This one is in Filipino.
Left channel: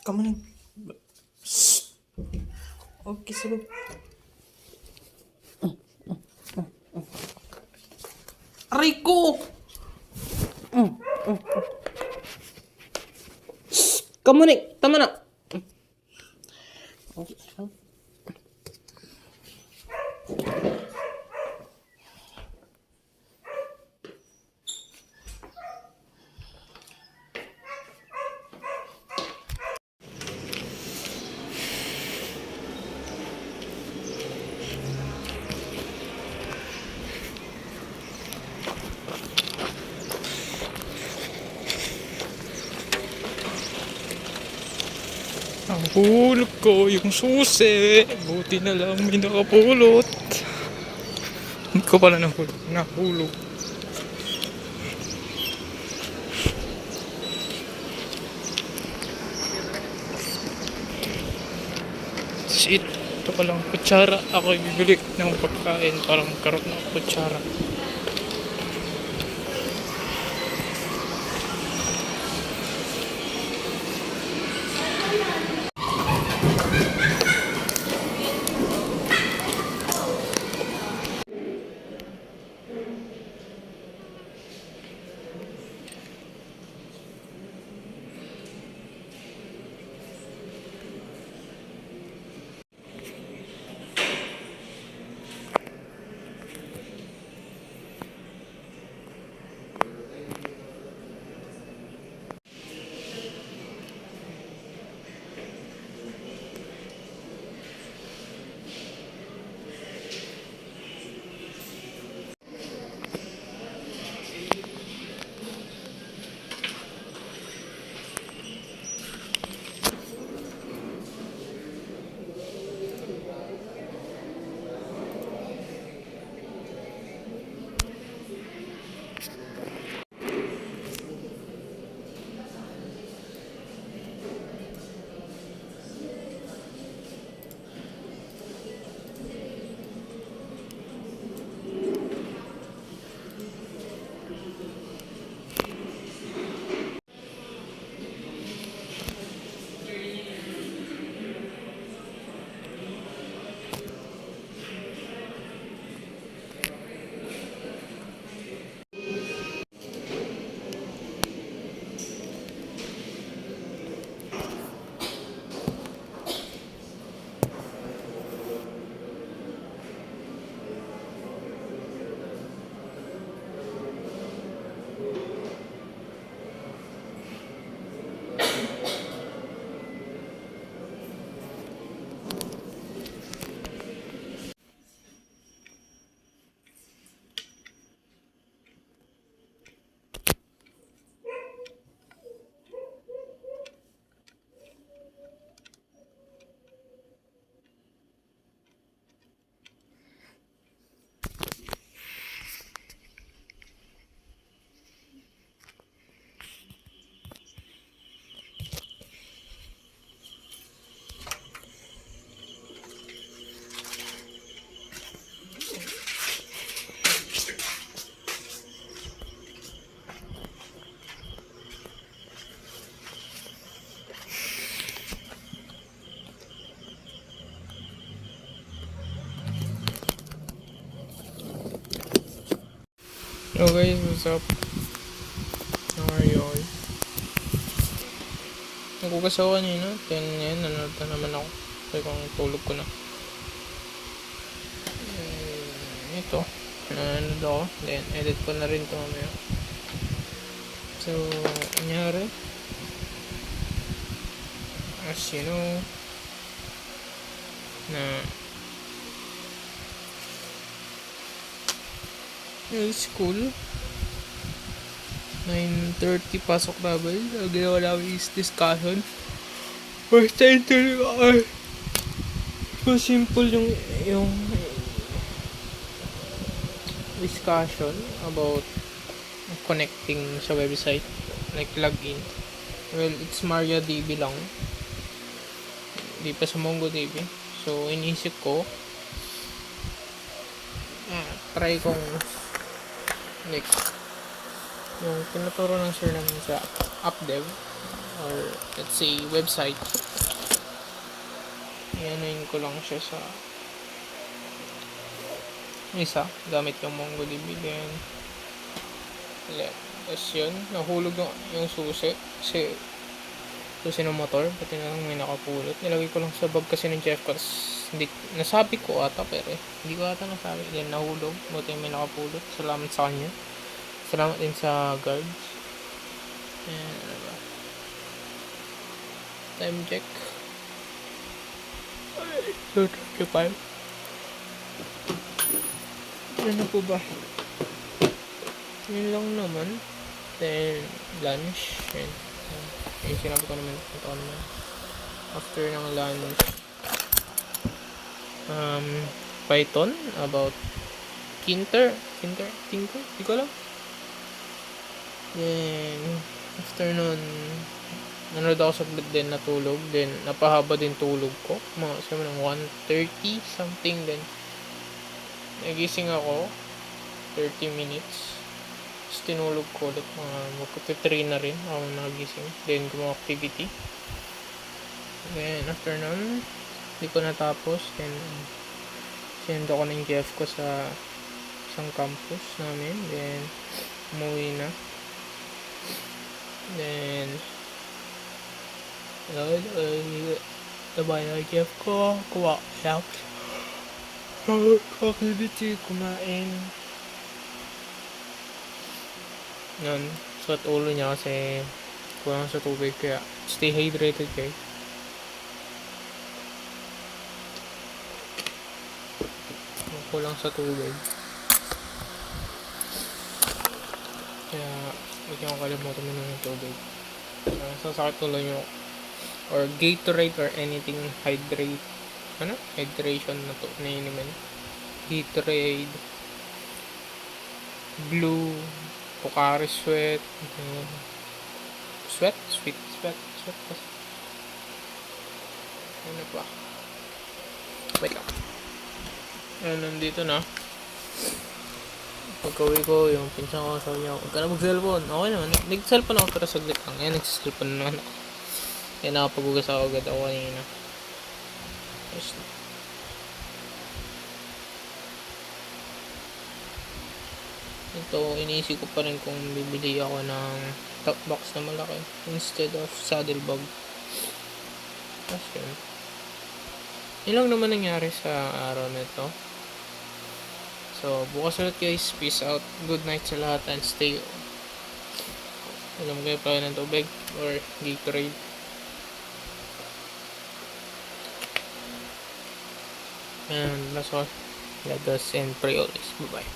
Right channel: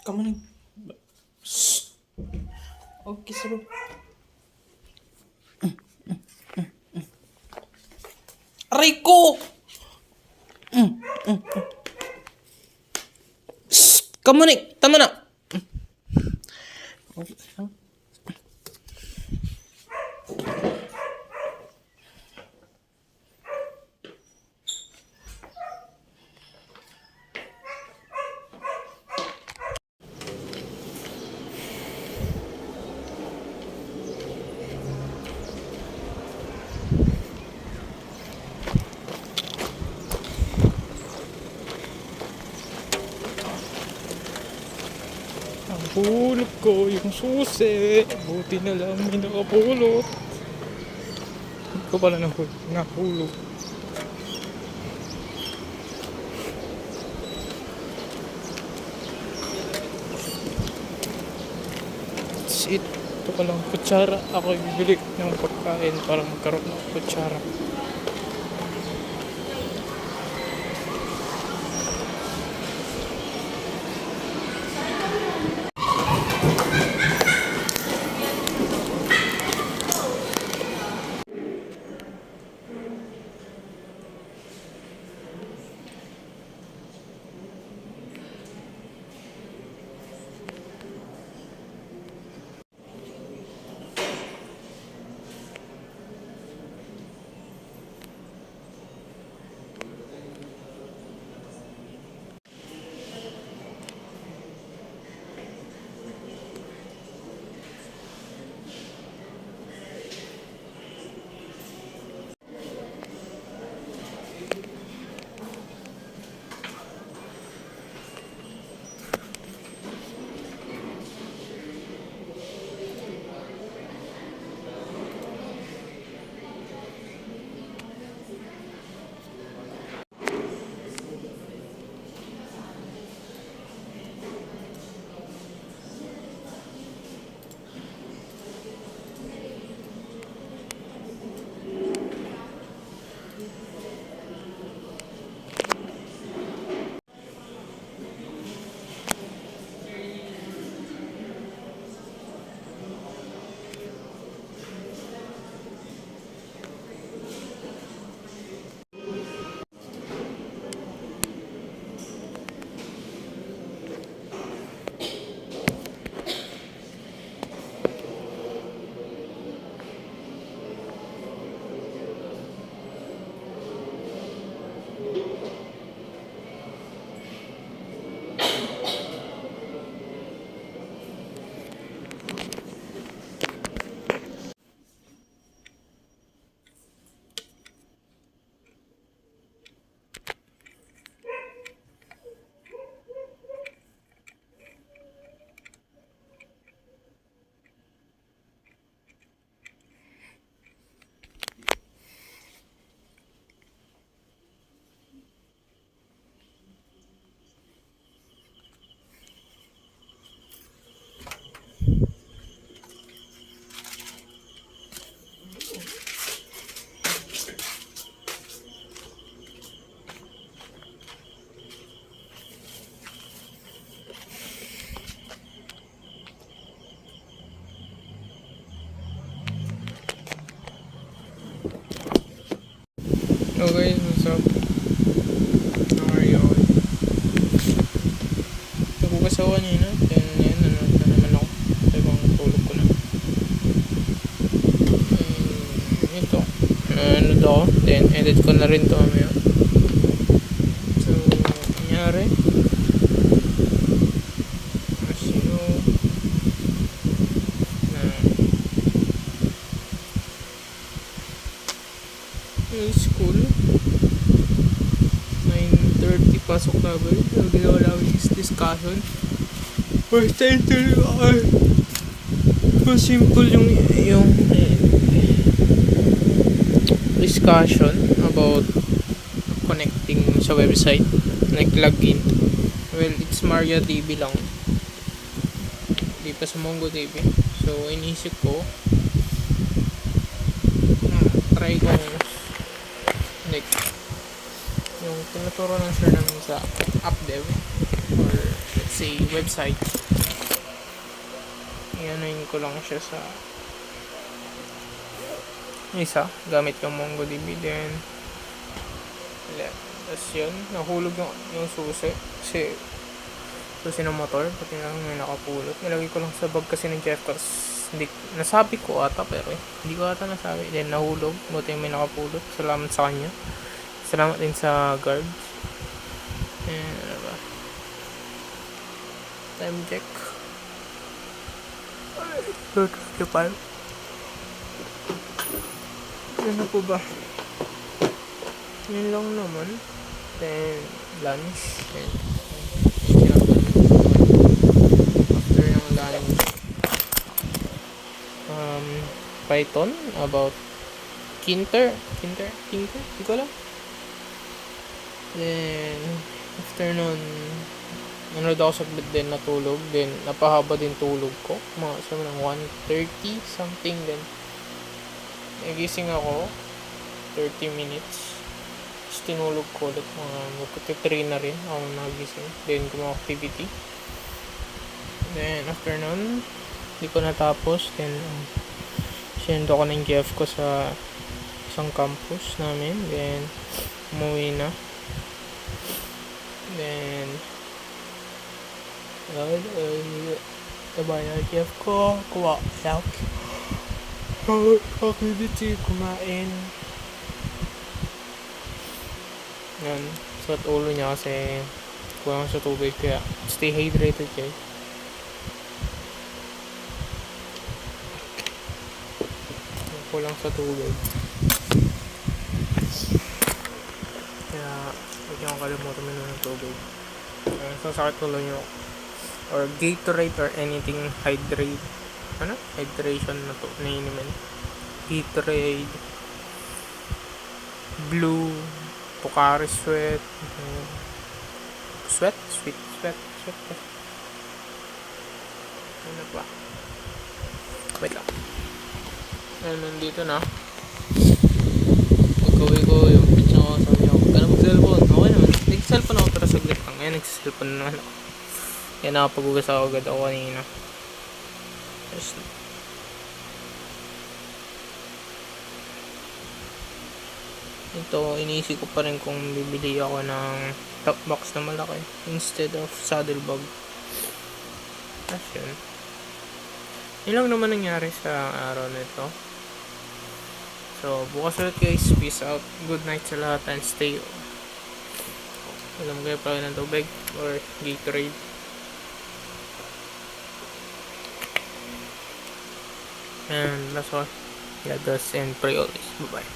Come on. Okay, sir. Aray ko! Come on, tama na. Nahulog ko yung susi. Buti na lang may nakapulot. Hindi ko pala nahulog. Shit. Ito palang kutsara. Ako bibili ng pagkain para magkaroon ng kutsara. Hello guys, what's up? How are you all? Nagugas ako kanina, then yan, nanonood na naman ako. So ibang tulog ko na. Ito, nanonood ako, then edit ko na rin ito mamaya. So, nangyari, as you know, na yung school 9:30 pasok level. Ang ginawa namin is discussion. First time to mas simple yung discussion about connecting sa website, like login. Well, it's Maria TV lang, di pa sa Mongo TV. So inisip ko try kong like yung tinuturo ng sir namin sa app dev, or let's is a website. Iyanuin ko lang siya sa isa gamit yung MongoDB. Then tapos yun, nahulog yung susi kasi susi ng motor, pati na may nakapulot. Nilagay ko lang sa bag kasi ng Jeff ko, hindi, nasabi ko ata pero hindi ko ata nasabi. Then nahulog, buti may nakapulot. Salamat sa kanya, salamat din sa guards. And ano ba, time check 2:25. Ano po ba, yun lang naman. Then lunch, and ginagawa naman dito. After ng lunch, Python about Kinter, di ko alam. Then afternoon, nanood ako saglit din, natulog. Then napahaba din tulog ko, mga sabi ng 1:30 something. Then nagising ako 30 minutes. Tapos tinulog ko ulit, mga magkati-3 na rin ako nagising. Then gumawa activity. Then after nun, hindi ko natapos. Then send ako ng GF ko sa isang campus namin. Then umuwi na. Then sabay na GF ko, kuha siya activity, kumain. Yun, suot ulo niya kasi kulang sa tubig, kaya stay hydrated guys. Kulang sa tubig, kaya huwag niyo kalimutan minom ng tubig. Sasakit tuloy niyo, or Gatorade or anything hydration na to na inumin. Gatorade, Blue, Pocari Sweat, sweat. Ano pa? Wait lang. Nandito na. Pag-uwi ko, yung pinsan ko, sabi niya, huwag ka na mag-cellphone. Okay naman. Nag-cellphone ako pero saglit lang. Ngayon, nag-cellphone naman ako. Kaya nakapag-ugas ako agad ako kanina. Ito, iniisip ko pa rin kung bibili ako ng top box na malaki instead of saddle bag. Tapos yun. Yun lang naman nangyari sa araw na ito. So, bukas ulit guys. Peace out. Good night sa lahat and stay. Alam kayo pa ng tubig or Gatorade. And that's all. God bless and pray always. Bye-bye.